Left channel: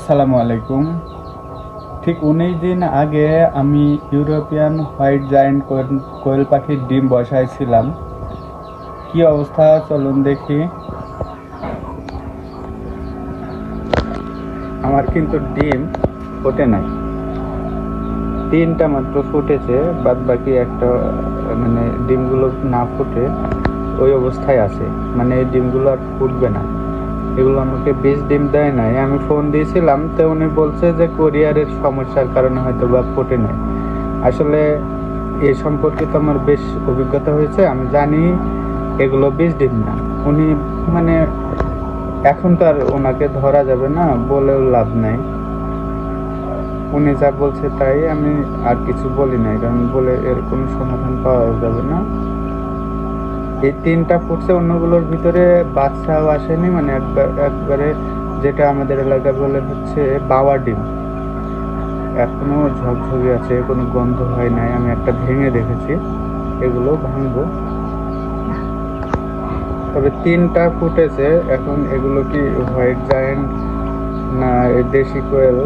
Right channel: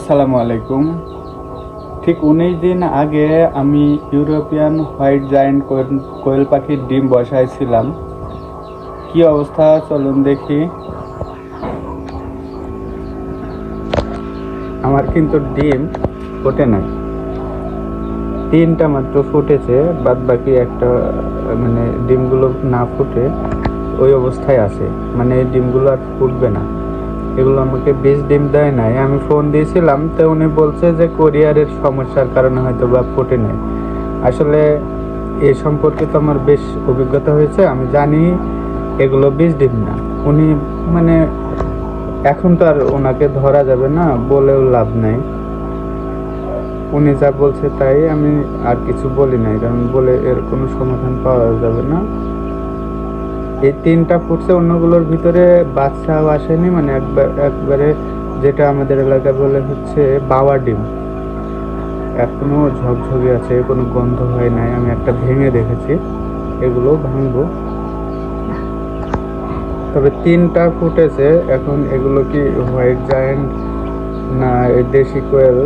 আসসালামু আলাইকুম। ঠিক 19 দিন আগে আমি ইউরোপিয়ান হোয়াইট জায়ান্ট কোয়েল পাখির ডিম বসাইছিলাম। কি অবস্থা চলুন দেখি। আমার কিন্তু ডিম ফোটে নাই, 3টা মাত্র ফুটেছে, বাদ বাকি একটা মানে ডিমগুলো না ফুটে ওই অবস্থায় আছে, মানে এই ডিমগুলো আর ফুটবে না। এগুলো আমাকে 20 ডিম দেয় নাই। আমি ফোন দিয়েছিলাম, তো উনি বলছে যে কোরিয়ারের সমস্যার কারণে হয়তো বা ফোটে নাই। আসলে এ সম্পর্কে তো আমার বেশ অভিজ্ঞতা হয়েছে, আমি জানি এগুলো 20 ডিম না। উনি মানে এখন তো আর ওনাকে ধরা যাবে না, বলেও লাভ নাই। উনি যা বলছে তাই, আমি আর কিছু বলি নাই, কারণ বলে এর কোনো সমাধান পাওয়া যাবে না। এই 3টা ফুটছে, অন্যগুলোর ভিতরে বাচ্চাও আসেনি, মানে একবারে যেটা আমাদের এলাকায় বলে হচ্ছে বাওয়া ডিম, এখনো ঝকঝকে আছে, কোনো গন্ধ হয় নাই। আমি একটা ভেঙে দেখেছি, এগুলো ভাঙবো। তবে 3টা ফুটেছে। এখন এগুলো কি হোয়াইট জায়ান্ট না দেশি কোয়েল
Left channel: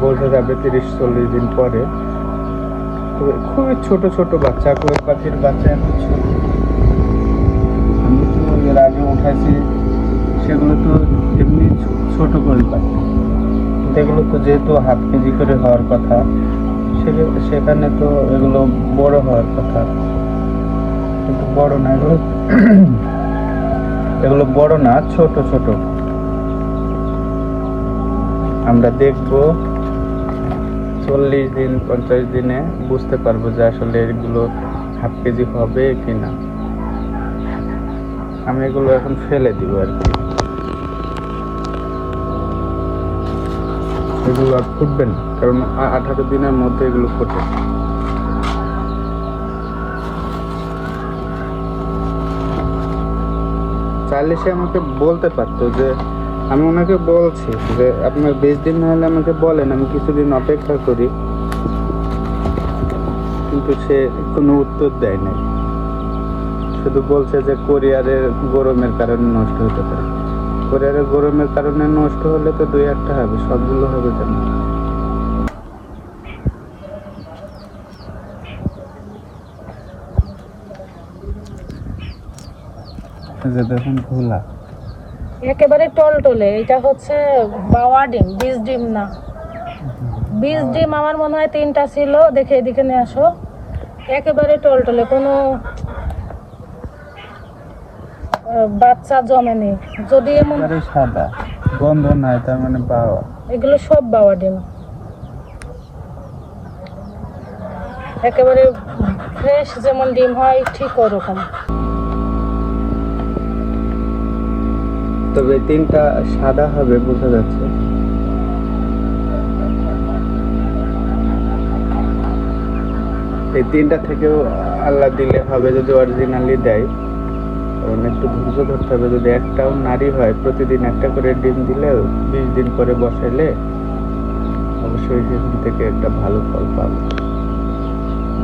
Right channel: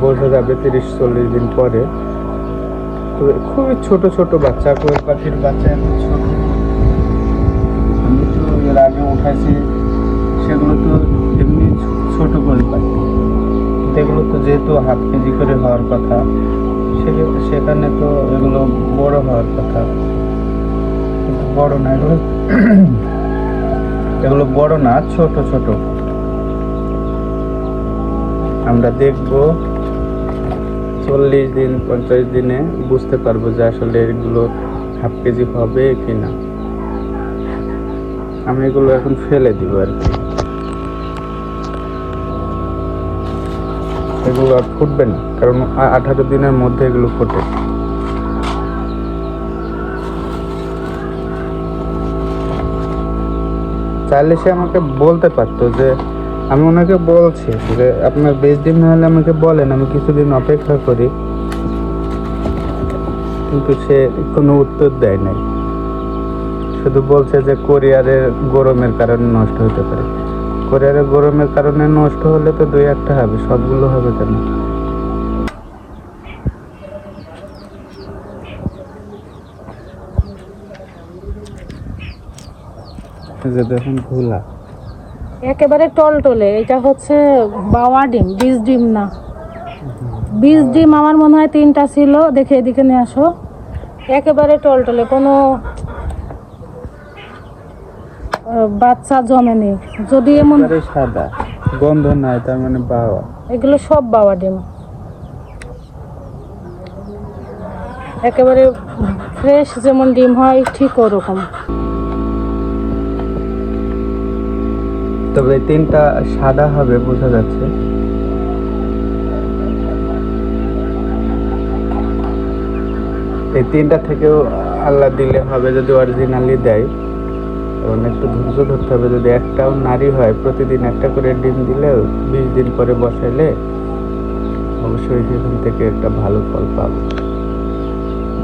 বোঝা যাবে 30-40 দিন পরে। তো খুবই ছোট ছোট বাচ্চা, কোয়েল পাখির বাচ্চা এখন ছোট। আমি তো এর আগে উঠেছি, সেগুলো তো এমনি ছোট কোয়েল পাখি, কিন্তু এগুলো তো যেহেতু হাফ কেজি করে হওয়ার কথা, সেখানে তো এগুলো বড় হওয়ার কথা, কিন্তু বড় না এগুলো। এগুলো বড় না, ছোট ছোট। আমরা দেখবো 40 দিন 50 দিনে বুঝতে পারবো যে আসলে এগুলো হাফ কেজি হবে কিনা। আমি এগুলো এখন ফেলে দিব আর কি, এগুলো আর ফুটবে না, কারণ 18 দিনের মধ্যে এগুলো ফুটে। চাইলে সে আমাকে বলতে পারতো, যে আমি ওনাকে বলছি যে আপনার 20 দিন না হলে আমাকে বলেন, আমি কিছুদিন অপেক্ষা করি, কিন্তু সে কোনো উত্তর দেয় নাই। শুধু বলছে যে কোরিয়ারের গরমের কারণে নষ্ট হতে পারে। কোরিয়ারের গরমের কারণে নষ্ট হলে তো 2-1টা হবে, সবগুলো হবে কেন? দেখুন খোলা, একেবারে টলটলে। এটা হচ্ছে বাওয়া ডিম, 20 ডিম না। 20 ডিম আমার মনে হয় 3টা ছিল। দেখে এদিকে নিয়ে আসো, একেবারে টলটলে, কোনো বাচ্চা জমেনি। যদি এমন সাদা গন্ধ নাই, তার মানে বাওয়া। এগুলো সব বাওয়া ডিম, একেবারে ফ্রেশ যেমন ডিম হয় ঠিক ওরকম। তবে 3টা সাদা হবে বোঝা যাচ্ছে। এই 3টা থেকেও আল্লাহ দিলে হবে, যদি অরিজিনালি দেয়। কারণ একটু ধৈর্য ধরতে হবে। যদি একটাও নারী হয়, প্রতিদিন একটা করে ডিম দিলে 20 দিন পরে বসাইলে অবশ্যই সেখান থেকে একটা ভালো ফল পাবো।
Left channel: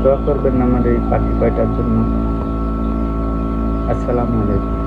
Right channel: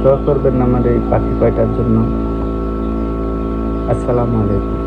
দোয়া করবেন আমার এই পাখি কয়টার জন্য। আসসালামু আলাইকুম।